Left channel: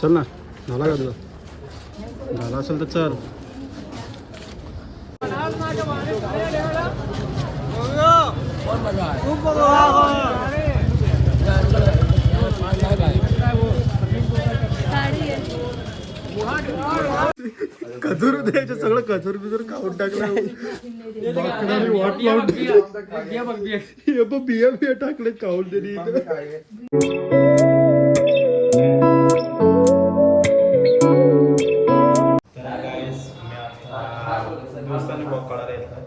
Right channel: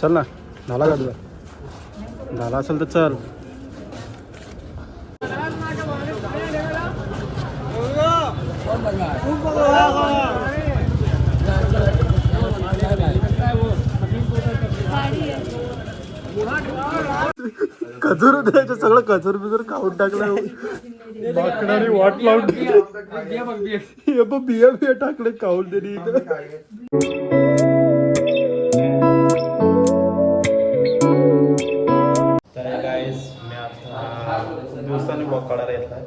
चल ना, झाला का तुझा? झाला असेल तर चल. खजूर द्यायचं सगळं खजूर बिजूर खाऊन टाकलं. माकडाने वाट लावून बिया बिया टाकले खाऊन तरी. दिवसांनी ब्लॉग काढायला येत आहे.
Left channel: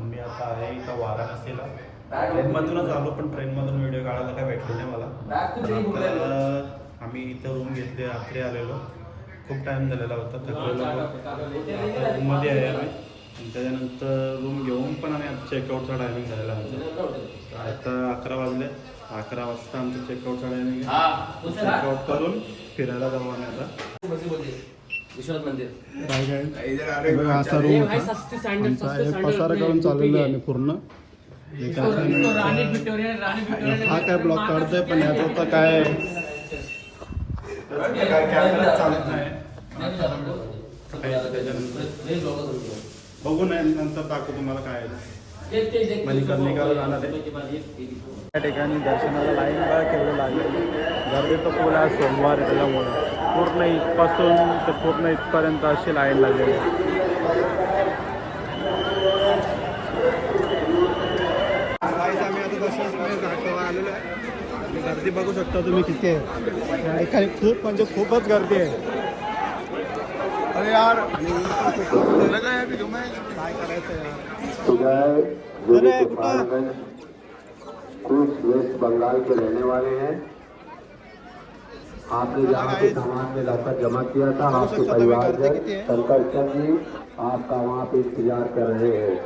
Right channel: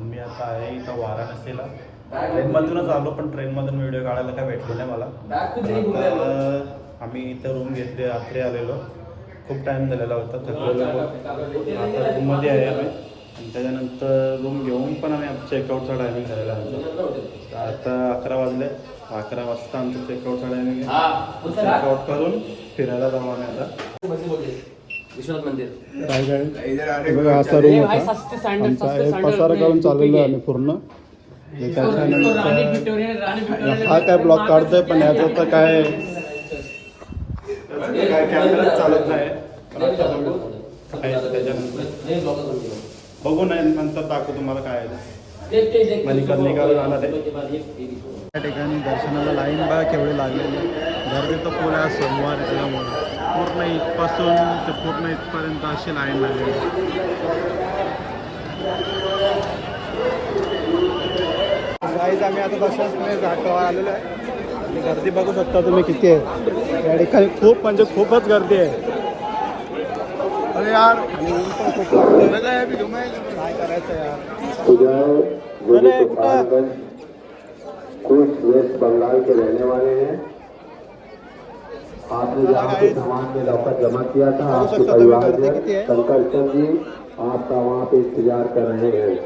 मी आता आहे इथं वाराणसीला. ट्रेनमधूनच आलो, पण ट्रेनमधून व्हिडिओ काढायला काय भेटले नाही मला. आता आम्ही इथं रूम घेतली, रात्री आलेलो. खूप टाईम झालेला होता, थकलेलो. आता रूममध्ये आहे आम्ही. आणि त्याच्यानंतर रूम घेऊन पण आम्ही आमचं चेकआउटचा टायमिंग झालेला आमचा. आता 11 वाजले. 11 वाजता आमचं चेकआउटचा टायमिंग आहे. चेकआउट करून फिरायला जाऊ आम्ही आता. विश्वनाथ मंदिर. असा रूम होता. पसारा करून चाललेलो आहे आम्ही पूर्ण. हा काय ब्लॉग काढतोय, पण याचं तर काय कॅमेरा चालत नाही. पण आता त्याच्यानंतर बघू नाही, नंतर दाखवू तुम्हाला काय आहे. मणिकर्णिकाला जाणार आहे. त्या ठिकाणी दर्शनाला लाईन बघा केवढी लागलेली. गर्दी तर फुल आहे, सोमवार आहे त्याच्यामुळं पूर्ण इथपासून ते पूर्ण इथपर्यंत अशी लाईन लागलेली आहे. आम्ही आता दर्शनासाठी घाटावर आलेलो आहे. गर्दी बघू शकता तुम्ही किती आहे. या ठिकाणी खूप म्हणजे खूपच गर्दी आहे. अरे यार, आणि ऊन पण खूप काय करायचं यार. कुछ वेस्ट बंगाल के रहने वाले हैं. आपने जहाँ पे सामान में लौकर जमा किया था, आपके परिवार में शंकर चंद जी आपका वहाँ पे इंतजार कर रहे हैं.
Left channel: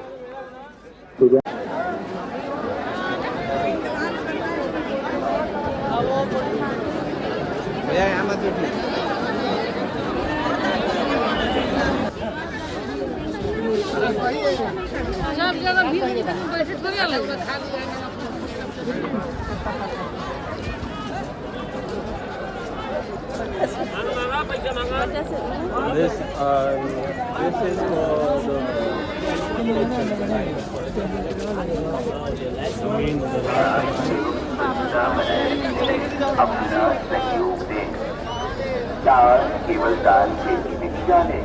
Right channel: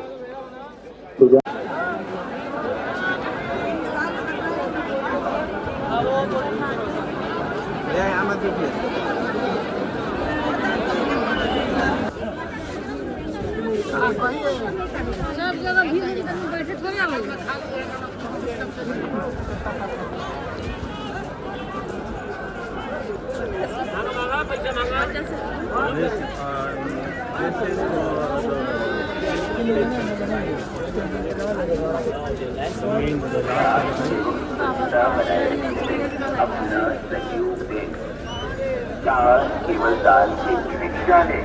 केवळ दाल की विचार है.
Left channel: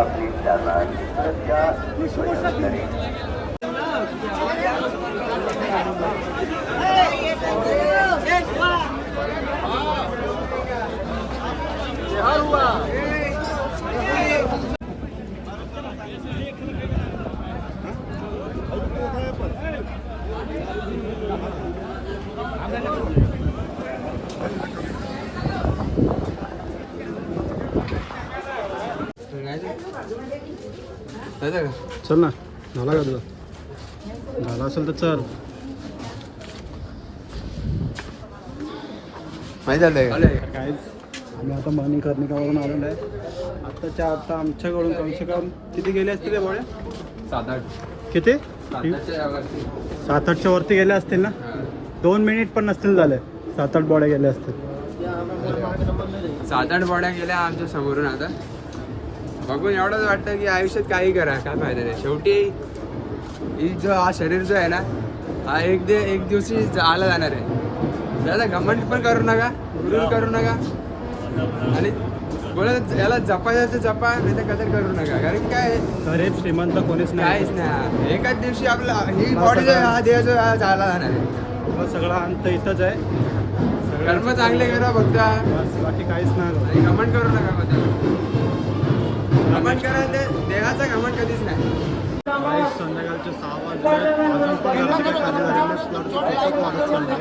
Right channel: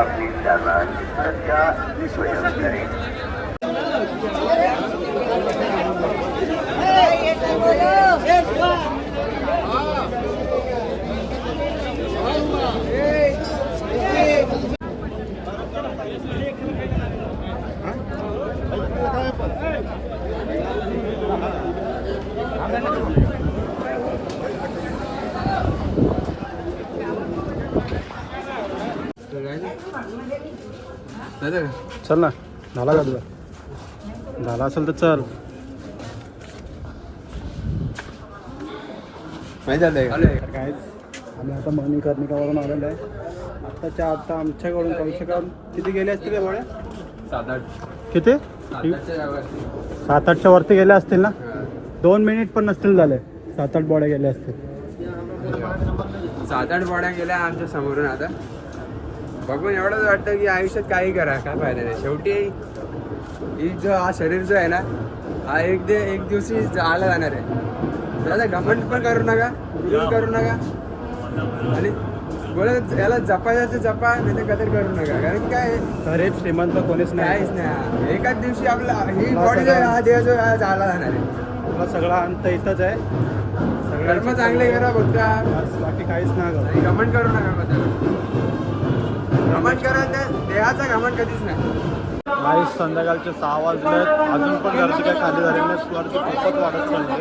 अपनी सामान सुरक्षा स्वयं करें. चल ना, झाला का तुझा? झाला असेल तर चल. माहिती झालंय काय आम्ही आता मणिकर्णिकावरून आलेलो आहे. आता आमच्याकडून कम से कम किती गेले असतील रे बोळ्या? 7-8. किती? 7-8च्या वरती गेल्या असतील ना. 2 मिनिट पण नसतील झाले, 7-8 बोड्या गेल्या असतील. 7-8 बोड्या गेल्या आमच्या समोरून. आता बघून एवढंच वाटतं की आयुष्यात काही करा, काय फायदा नाही. शेवटी ही जो हा शरीर जो आहे ना, हा एक दिवशी आला जाणार आहे. त्याला घमंड पण करू नका, गुरुर करू नका. आणि बोलत याला जपायचं तर जपा, नाही तर कदर करू नका. कारण काय गरीब श्रीमंत कोणीच नाही. काहीच नाही. एकाच दिवशी आपला ही बॉडी जो हा देह जो झाला जाणार आहे. आपला सगळा अंत इथंच आहे. कर्म चांगले करा फक्त, बाकी काहीच नाही. आणि घमंड करू नका. मग घमंड करा, त्या देहाचा घमंड कधीच नाही. संध्याकाळचे 6 वाजले, अजून पण गर्दी काय खाली झालेली नाही. गर्दी खूपच वाढत चालली आहे.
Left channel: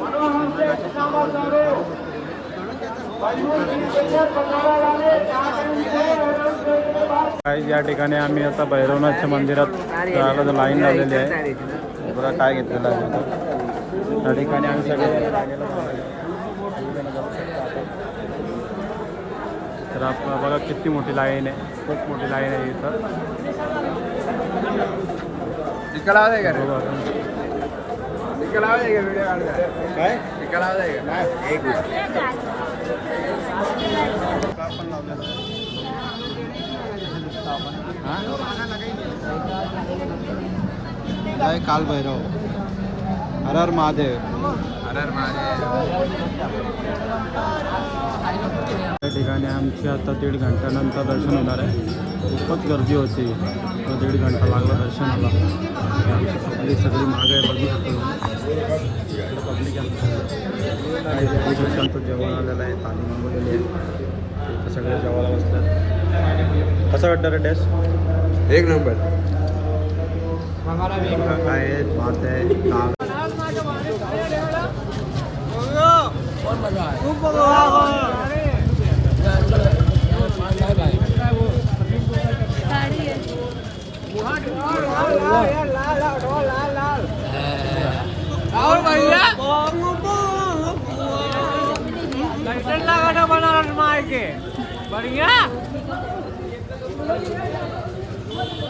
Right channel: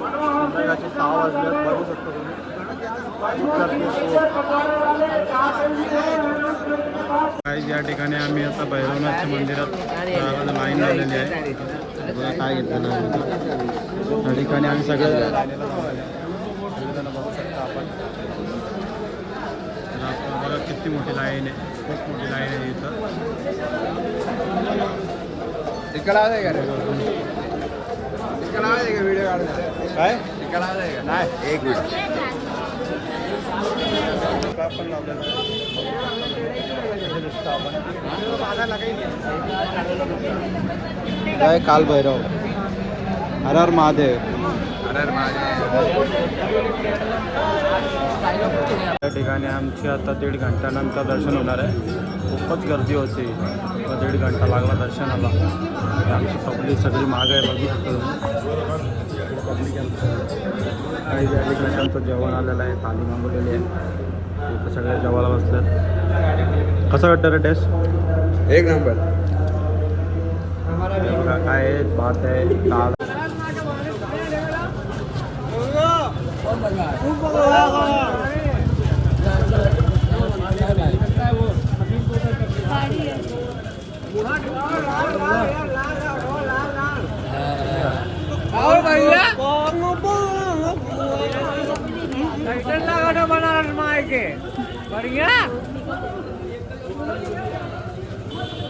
संध्याकाळचे 6 वाजले, बघू शकतो तुम्ही. काही या ठिकाणी आम्ही आता भैरवनाथच्या मंदिरात लाईन लावलेली आहे. बघा काय घेतलेलं आहे. त्या ठिकाणी आम्ही सगळे लाईनीला बघू शकतो आपण. तर आपण बघा किती मोठी लाईन आहे, खूप मोठी लाईन आहे इथं. इतका लावा आहे का व्हिडिओ काढता काय इतका लावा आहे का नाही एक का पण लावलेला आहे इथे दिसतं आपण काय काल भैरव हर हर महादेव अरे माझे या ठिकाणी आमची आता 1.5 घंट्यानंतर दर्शन होणार आहे. खूपच गर्दी होती तर 1.5 घंटा लागला दर्शनाला. आणि आमची पब्लिक सगळी माग आहे बघू शकतो पब्लिक काही आमचं जेवण आलेलं आहे थाली मागवलेली आहे इथं सगळे जेवण बसतात. कसं वाटतं रे टेस्ट? एक नंबर बघा काय आहे भात आहे दाल बढ़िया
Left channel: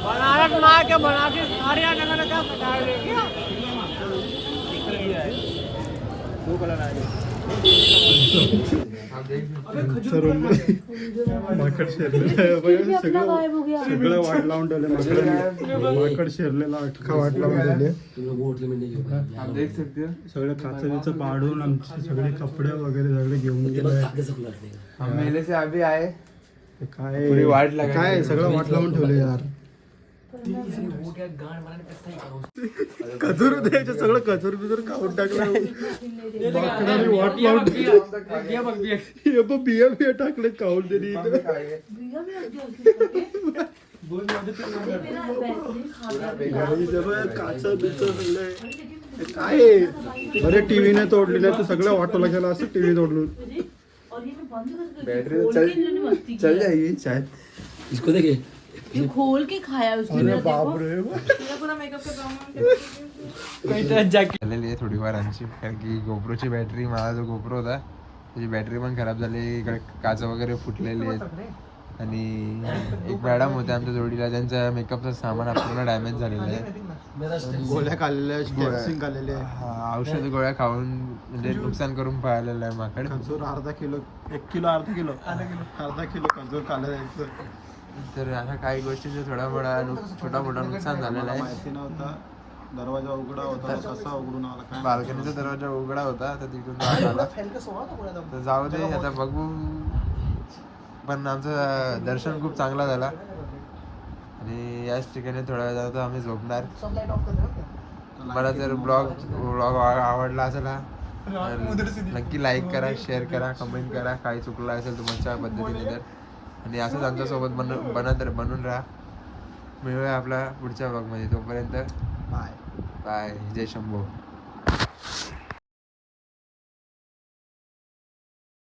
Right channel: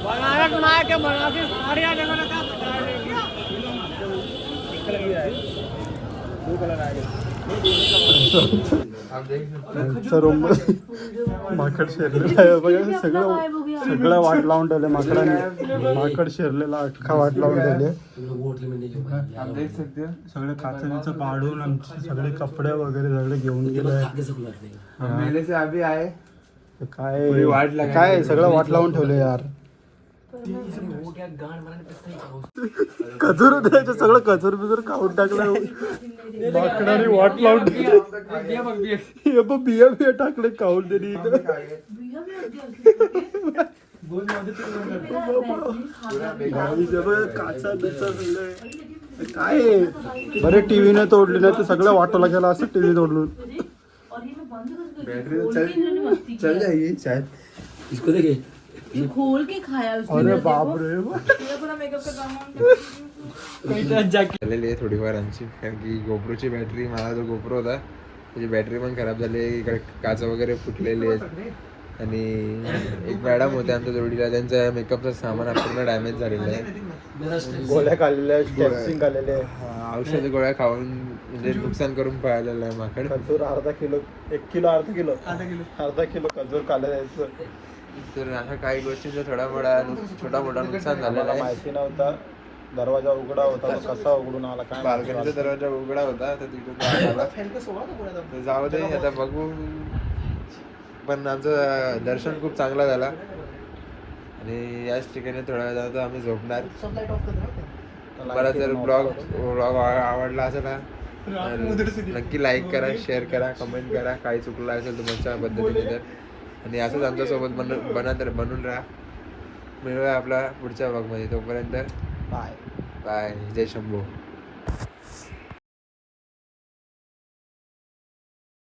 बनारस मार के बनारसी साड़ियाँ जगह का माकड शिरलेला आहे बघा सगळं वाट लावून ठेवले माकडाने माकड शिरलेला अख्खा वाट लावून ठेवले सगळे काचेचं पाडून आमचे सगळे कपडे वगैरे सगळे घेऊन गेले मेले से अभी आए काय पुरी वाट लगाई. काय सगळं वाट लावून ठेवले यार कचूर द्यायचे सगळं कचूर बिचूर खाऊन टाकलं माकडाने वाट लावून ठेवली. हे बघ बिया बिया टाकले खाऊन दिली काचा बिचा सगळे काय बरे टीव्हीने तोडली नाही तर सगळं वाटोला गेला असं टीव्ही तोडलून बैटरी चल जाएगी शायद इसको देखे ये खोल के खाया उसने अरे देखो। बाप रे तेरा पूरा मेकअप का काम झालेली आहे थोडीफार आमची कारण की गोप्रोची बॅटरी मला जो गोप्रो होता त्याची बॅटरी पण खराब झाली आहे. इकडे काच वगैरे फुटलेले आहेत आणि एक मॅडम होते आमच्या जोडीला त्यांचं मेकअपचं सामान पूर्ण डॅमेज झालेलं आहे. गोळ्या खाल्लेल्या स्टॅप्सिंग खाल्लेले हा, औषध गोळ्या खाऊन म्हणजे नुकसान करून पळालेलं आहे माकड. खजूर अर्धा किलो 1 किलो अर्धा किलो खजूर खाल्लं जायचं तर अशा काही गोष्टींचा छोटा मोठा नुकसान झालेलं मला आहे. माहिती नव्हता दरवाजा उघडा होता तो कसा उघडून आला काय माहिती. बाल्कनीचा दरवाजा उघडा होता तर तिथून तो आत आला. तर जाऊ दे आता बघू. पण आमचं दर्शन खूप चांगला झाला आणि याच ठिकाणी थोडा वेळ जातो आम्ही झोपणार. मला जर ब्लॉग आवडला असेल ना तर नक्की लाईक करा, शेअर करा, कमेंट करा. काही चुकलं असेल तुमच्या पद्धतीने तर. आणि असंच आमच्यासोबत बनून राहा. मिळूया आपला पुढच्या ब्लॉगमध्ये. तोपर्यंत बाय बाय. जय शंभू.